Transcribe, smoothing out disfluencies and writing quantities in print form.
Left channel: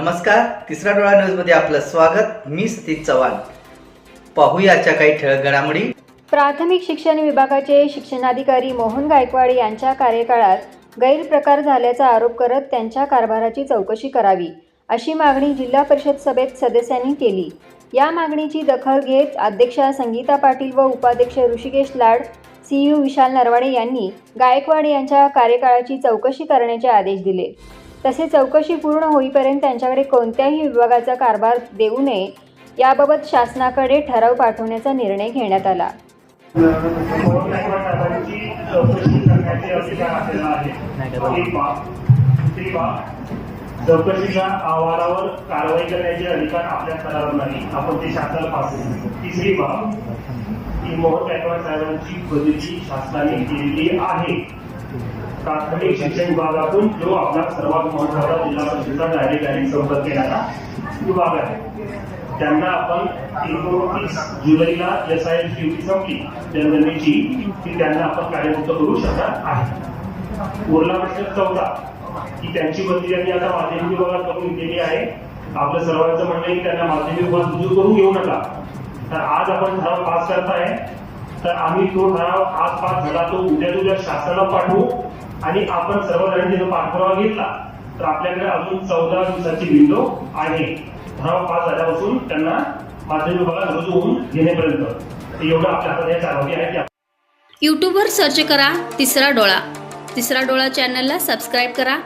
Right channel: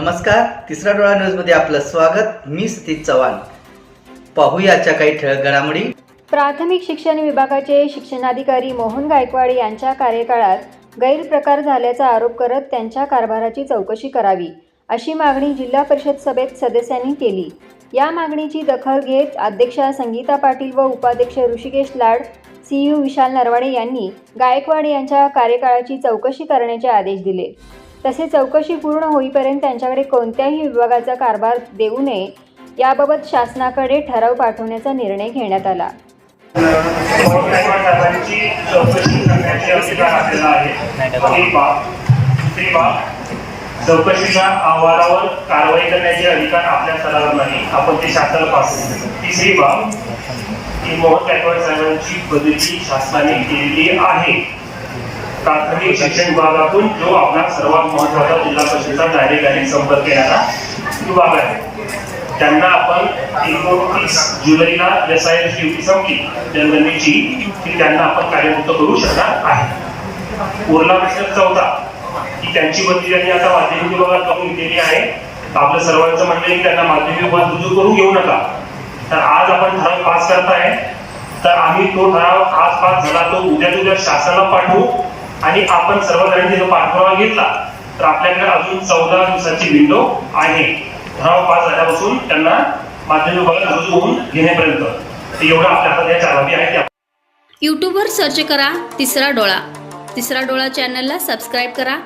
नमस्कार, तिसरा डोळा न्यूजमध्ये आपलं स्वागत। मी सतीश चव्हाण। पाहूया आजच्या काही ठळक घडामोडी। प्राथमिक शिक्षण विभागाचे शिक्षणाधिकारी मोहन गायकवाड यांच्या कार्यकाळात गैरप्रकार झाल्याचा आरोप करत त्यांच्या कारभाराची चौकशी करावी अशी मागणी जिल्हा परिषद सभेत सदस्यांनी केली। या मागणीची दखल घेत अध्यक्षा संगीता पाटील व उपाध्यक्ष ऋषिकेश लाड, सीयू विशाल नरवाडे यांनी गायकवाड यांच्या कार्यकाळाची चौकशी करण्याचे आदेश दिले। तसेच चौकशी पूर्ण होईपर्यंत त्यांच्याकडे कोणत्याही विभागाचा कारभार देऊ नये याबाबत शासनाकडे ठराव पाठवण्याचा निर्णय घेण्यात आला। चौकशीच्या अहवालावर कारवाई करण्याचे अधिकार आपल्या स्तरावर नाही, आपण ते शासनाला पाठवू। तिसरी बाब की मोहन गायकवाड साहेबांची बदली शासनाने केलेली आहे। प्राथमिक शिक्षण विभागातून जो आपला सर्वात महत्त्वाचा जिल्हा परिषदेचा डायरेक्ट संपर्क येणारा विभाग आहे, त्यांना आपण 29 जुलैला SIR ड्युटी संपली जनगणनेची, की त्यांना आपण कार्यमुक्त करू शकणार आहे। उरला प्रश्न चौथा की त्यांची बदली त्यांनी आता माध्यमिक विभागात करून घेतलेली आहे। आपलं सर्वांचं म्हणणं आहे की त्यांना माध्यमिक विभागात रुजू करून घेऊ नका। तर आज आपण ठराव पास करताय, तर आम्ही तो ठराव आज पास झाला तो उद्या शासनाला पाठवू आणि आपण सर्वजणांनी जो पाठपुरावा घेतला तर आपल्याकडे अजून 14 दिवसाची विंडो आहे ठराव पास झाल्यापासून त्यांना माध्यमिक विभागात रुजू होऊन घेण्यापर्यंत। एवढं आपल्या हातात या चालवी आहे। यूट्यूबवर सर्च करा तिसरा डोळा। तिसरा डोळा चॅनलला सबस्क्राईब करा।